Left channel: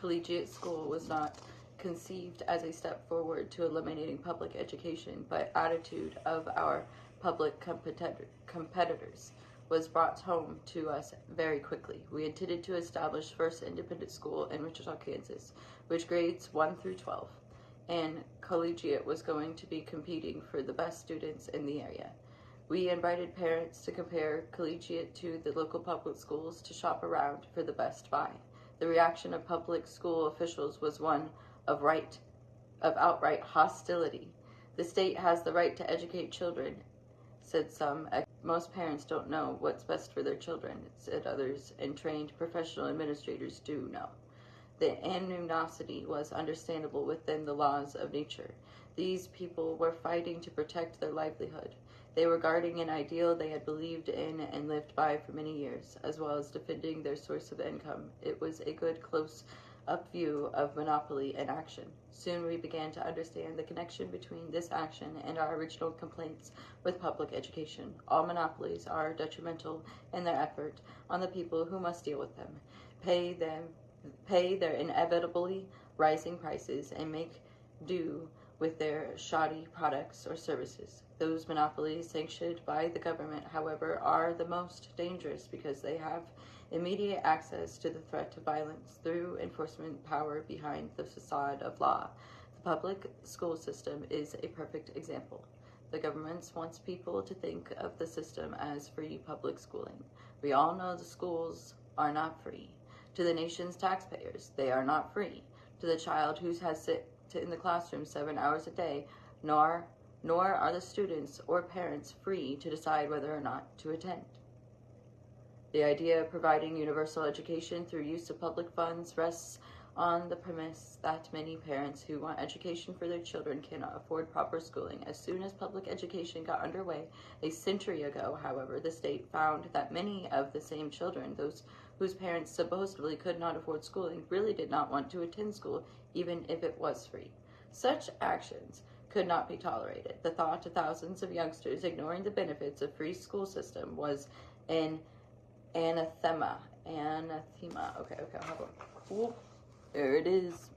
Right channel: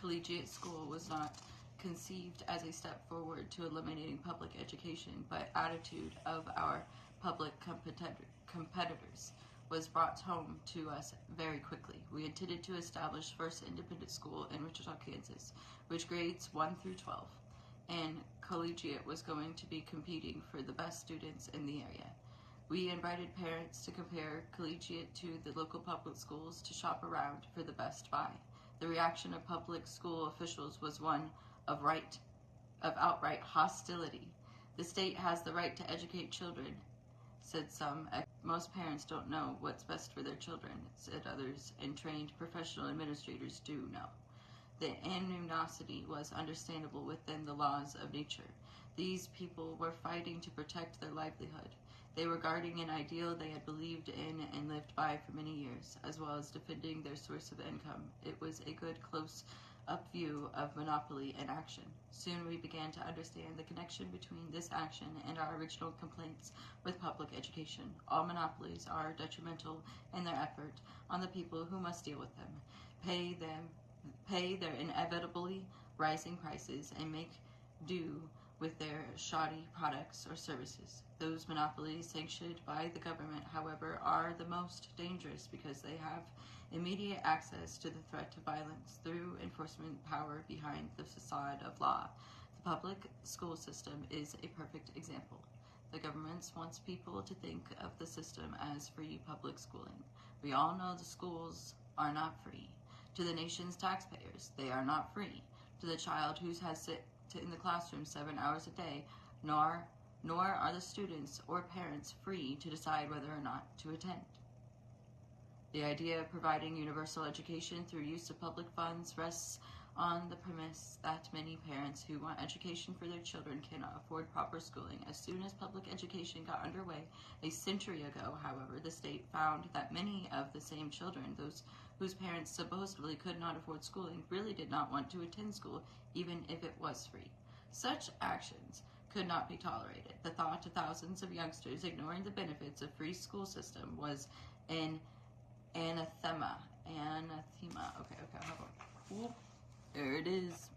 Collegiate school was not conceived as a step forward to eliminating public education, but attitude of our public competitors was brought home to us very quickly. We intended to establish first independent school in Wichita, Kansas, which grades 1 through 12, and Collegiate was going to be competing for the best students in the area. We invited parents to compare Collegiate to the local public schools to shop around for the best buy. The reaction of public school officials was one of outright hostility. The state has the right to educate children, said some. Most parents don't know what's best for their children, said others, and trained professional administrators do know. The animosity was understandable within the laws of nature. These people were fighting to protect their livelihood. They were guarding an ideal they had believed in and lived by for many years, as well as defending their source of income. It was a good close-up view of monopoly in action. Soon we began to understand the connection between this action and our original complaints with public education. All monopolies are detrimental in their effort on the people who must deal with them, pay their inevitably rising prices, and make do with their shoddy products or services. Those monopolies sanctioned by the government, however, are the most dangerous because they have immediate access to the threat of violence through enforcement power behind the facade of law. The public school system is a perfect example. The government wants people to think of the system as free public schooling. We all know the schools are not free. To the nation's taxpayers, they are not free. To the child who has sit in the classroom 7 hours a day, nor are the students or parents free to decide whether or not to attend. The idea of providing universal education through use of public funds rests on the premise that many parents who want education for their children cannot afford proper schooling. As soon as public education got underway a century ago, however, the state found that many of the same children, those whose parents supposedly could not afford schooling, really did not want to attend school, even if it was free. Such actions could not be tolerated. The thought of thousands of youngsters ignoring the benefits of free school system was an anathema. Okay, hold on. Ooh, there it is.